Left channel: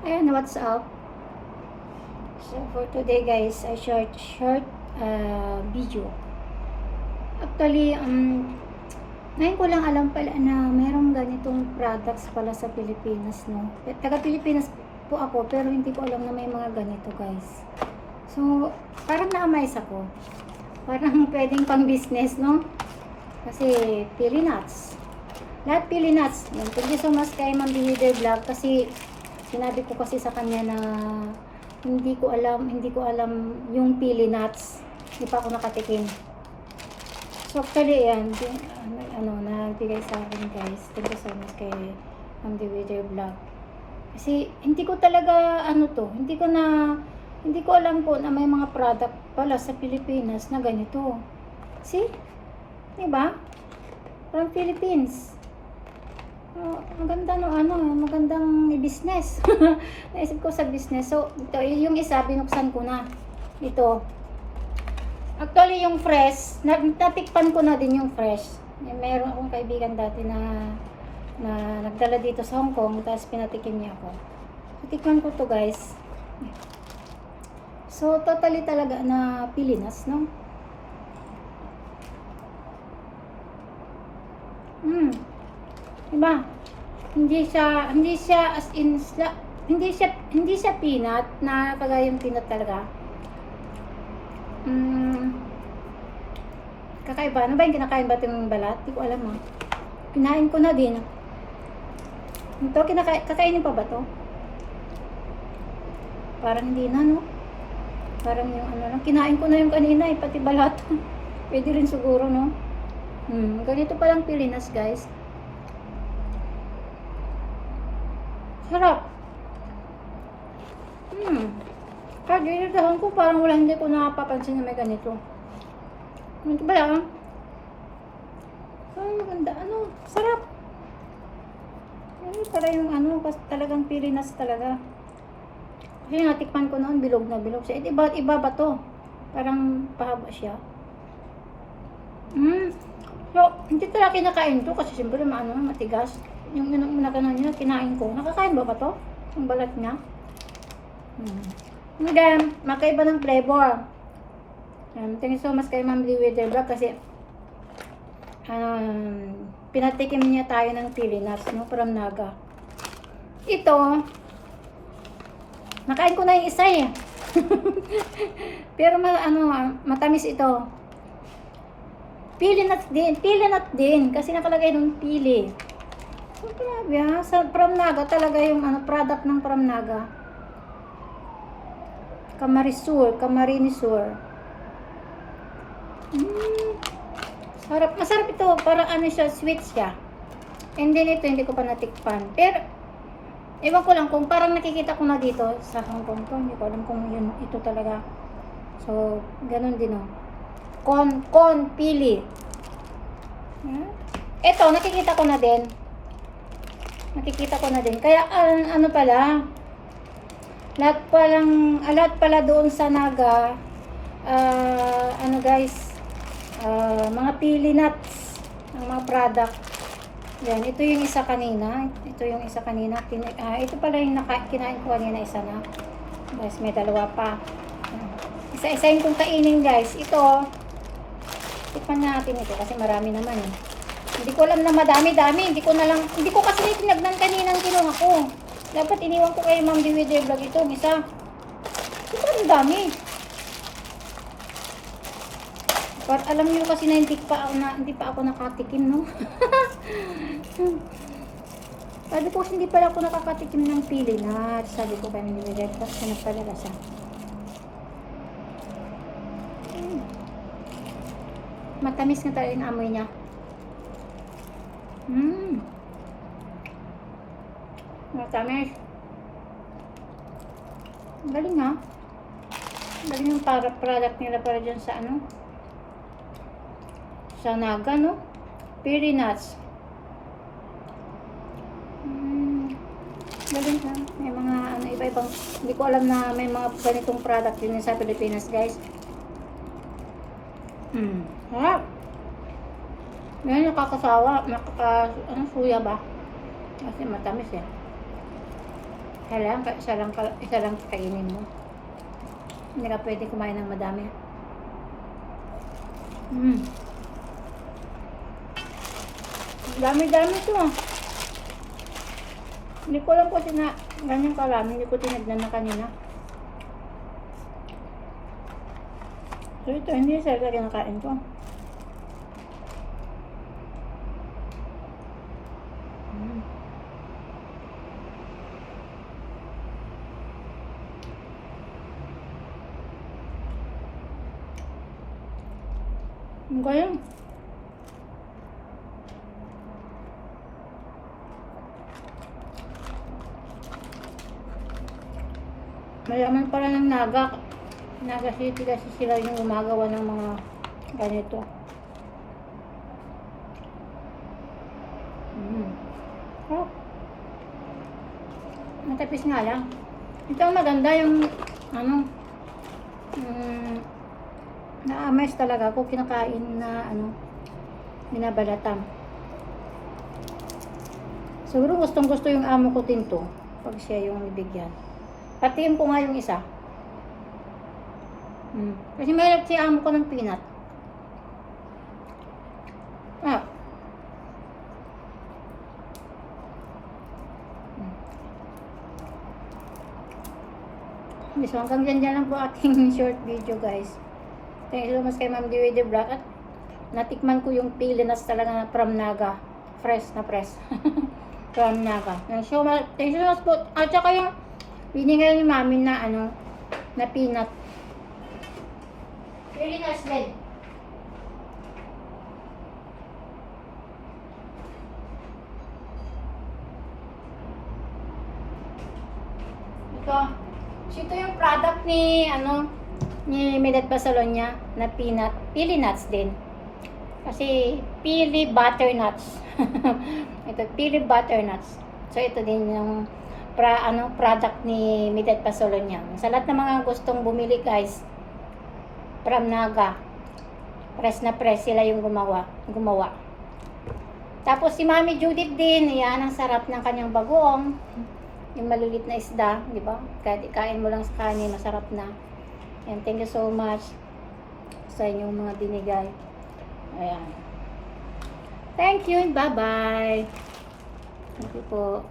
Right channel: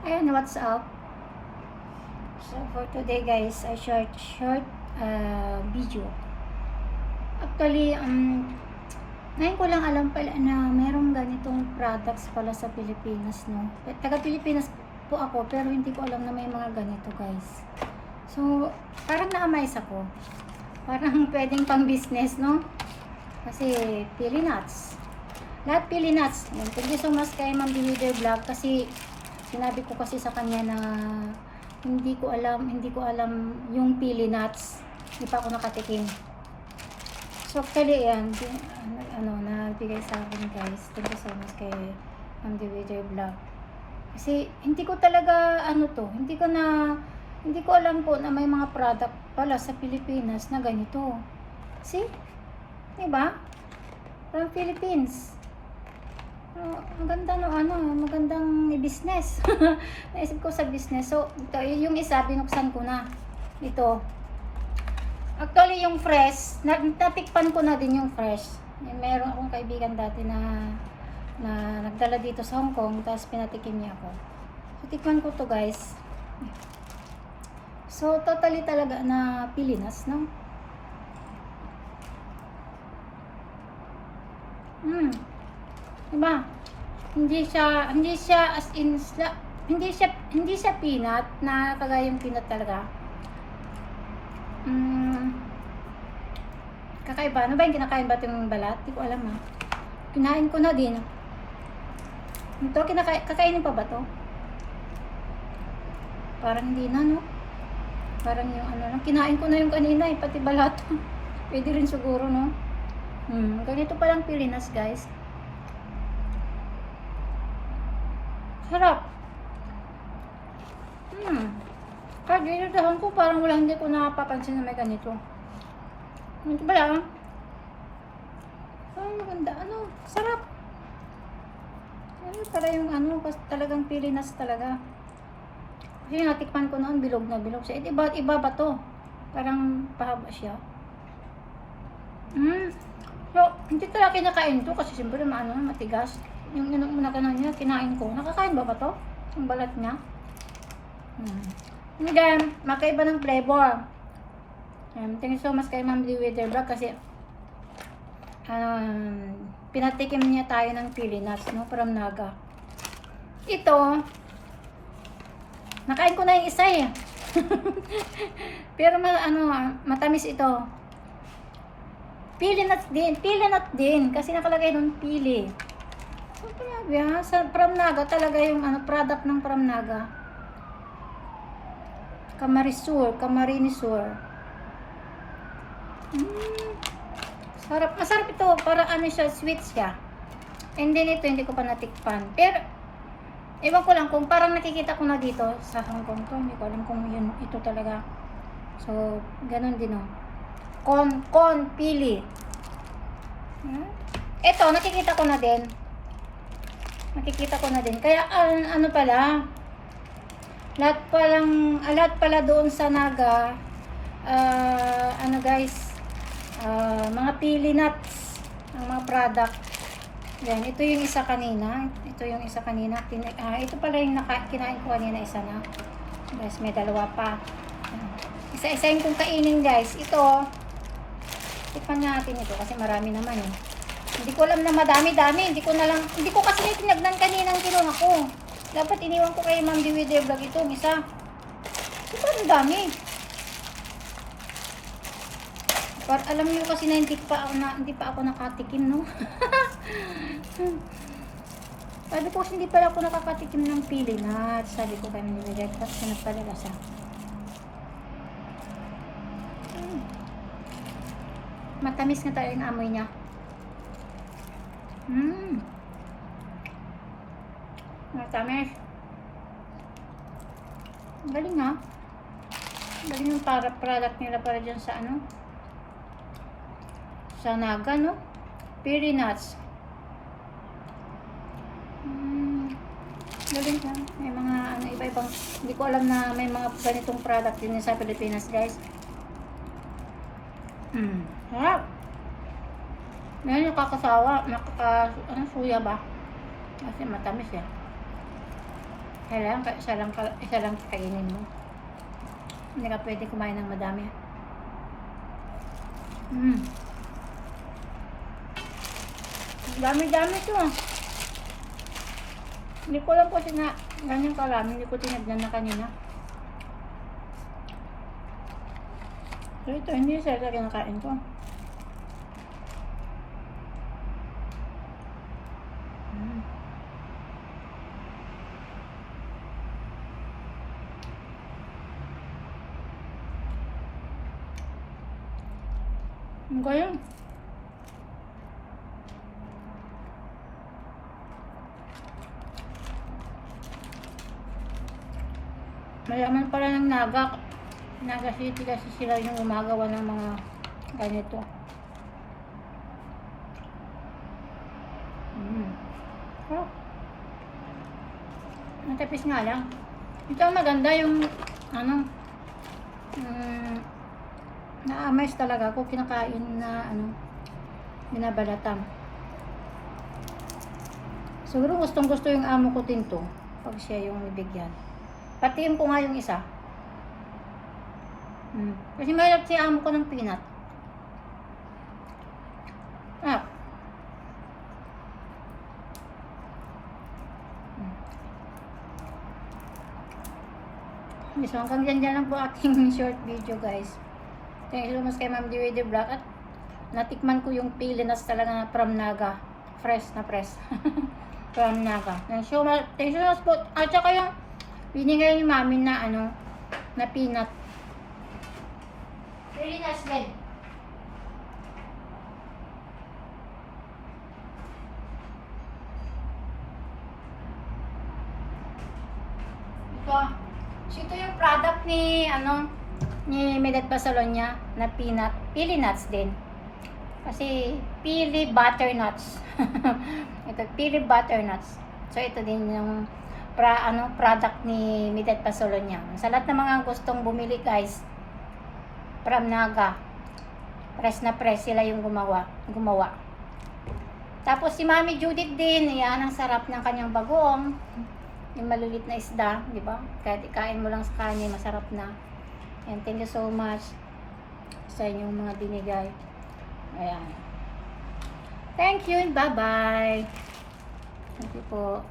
Ayan, what's up? So, for today guys, I short video. Actually, ngayon ko lang alam pala na merong ganitong products pala sa Pilipinas, no? Taga Pilipinas po ako, pero hindi ko alam na may mga ganito, guys. So, parang na-amaze ako. Parang pwedeng pang business, no? Kasi, pili nuts. Lahat pili nuts. Yan. Thank you so much kay Ma'am Leader Vlog kasi sinabi ko kasi sa kanya na hindi ko alam yung pili nuts. Hindi pa ako nakatikim. So actually yan, nabigay sa akin guys. Thank you so much kay Ma'am Leader Vlog. Kasi hindi ko talaga hindi ko alam po na may mga product pala sa Pilipinas na ganito. See? Diba? From Philippines. Maganda magandang business. Naisip ko sa business. So, ito, yung isa, binuksan ko na. Ito. Actually, yung fresh, natikpan ko na din yung fresh. Meron akong kaibigan dati na nagdala dito sa Hong Kong, tapos pinatikim niya ako. So, tikman ko to guys. So, totally talaga na Pilipinas, no? Diba? Hindi siya as in hindi siya peanut na kagaya yung peanut talaga. Kakaiba. Ano ba yung kinakain ba itong balat? Hindi ko alam Kinain ko na din. Ito, kakainin pa ba to? Parang hindi na, no? Parang yung lang. Kinain ko na yung kanina pati balat. Pwede rin siguro, no? Ganito palang Pilipinas, guys. Sarap. Kaya dahon ko parang hindi ko napapansin na may ganito. Ito ba yan? Maganda. Sarap. Yan pala yung talagang Pilipinas talaga. Kasi natikman ko noon, bilog na bilog siya. Iba ba to? Parang pahaba siya. So, hindi talaga kinakain to kasi siyempre matigas. Yung niya, kinain ko. Nakakain ba to? Yung balat niya. Again, makaiba ng flavor. Thank you so much kay Ma'am Leader Vlog kasi pinatikim niya tayo ng pili nuts, no? From Naga. Ito, nakain ko na yung isa Pero matamis ito. Pili nut din kasi nakalagay doon pili. So, grabe sa From Naga talaga yung product ng From Naga. Camarinesur. Sarap. Masarap ito. Parang siya, sweet siya. And then ito, hindi ko pa natikpan. Pero, ewan ko lang kung parang nakikita ko na dito sa Hong Kong to. Hindi ko alam kung ito talaga. So, ganun din Con pili. Ito, nakikita ko na din. Kaya, pala, lahat pala doon sa Naga, guys, mga pili nuts, ang mga product. Yan, ito yung isa kanina. Ito pala yung kinain ko kanina, isa na. Guys, may dalawa pa. Isa-isahin kong kainin, guys. Ito, tikman natin ito kasi marami naman Hindi ko alam na madami-dami. Hindi ko kasi tinagnan kanina ang kinuha ko. Dapat iniwan ko kay Ma'am Leader Vlog ito. Isa. Ito ang dami. But alam niyo kasi na hindi pa ako nakatikim, no? Sabi ko hindi pala ako nakakatikim ng pili nuts. Sabi ko kay Ma'am Leader Vlog. Hanap talaga siya. Matamis nga talaga yung amoy niya. Matamis. Galing Galing yung product nila para dyan sa sa Naga, no? Pili nuts. Galing may mga iba-ibang, hindi ko alam na may mga ganitong product din sa Pilipinas, guys. Sarap. Ngayon nakakasawa, suya ba? Kasi matamis Isa lang kainin mo. Hindi ka pwede kumain ng madami. Dami-dami ito ah. Hindi ko alam po ganyan karami. Hindi ko tinagnan na kanina. So ito, hindi sa talagang kain ko. Ang galing. Mayaman pala ng Naga. Naga City kasi sila yung gumagawa ng mga ganito. Oh. Matapis nga lang. Ito ang maganda yung na-amaze talaga ako kinakain na binabalatan. Siguro gustong gusto yung amo ko din to pag siya yung bibigyan. Patiin ko nga yung isa. Kasi mahilig si amo ko ng peanut. So hanggang dyan lang po ating short video guys. Thank you so much kay Ma'am Dewey the Black. At natikman ko yung pili nuts talaga from Naga. Fresh na fresh. From Naga. Thank you so much po. At saka yung binigay ni Mami na na peanut. Pili nuts din. Ito yung product ni ni Milet Basalonia na peanut, pili nuts din. Kasi pili butternuts. Ito pili butternuts. So ito din yung product ni Milet Basalonia. Sa lahat ng mga gustong bumili guys, from Naga. Press na press sila yung gumawa. Tapos si Mami Judith din, yan ang sarap ng kanyang bagoong. Yung malulit na isda, di ba? Kahit ikain mo lang sa kanin, masarap na. And thank you so much sa inyong mga binigay. Ayan. Thank you and bye-bye. Thank you po.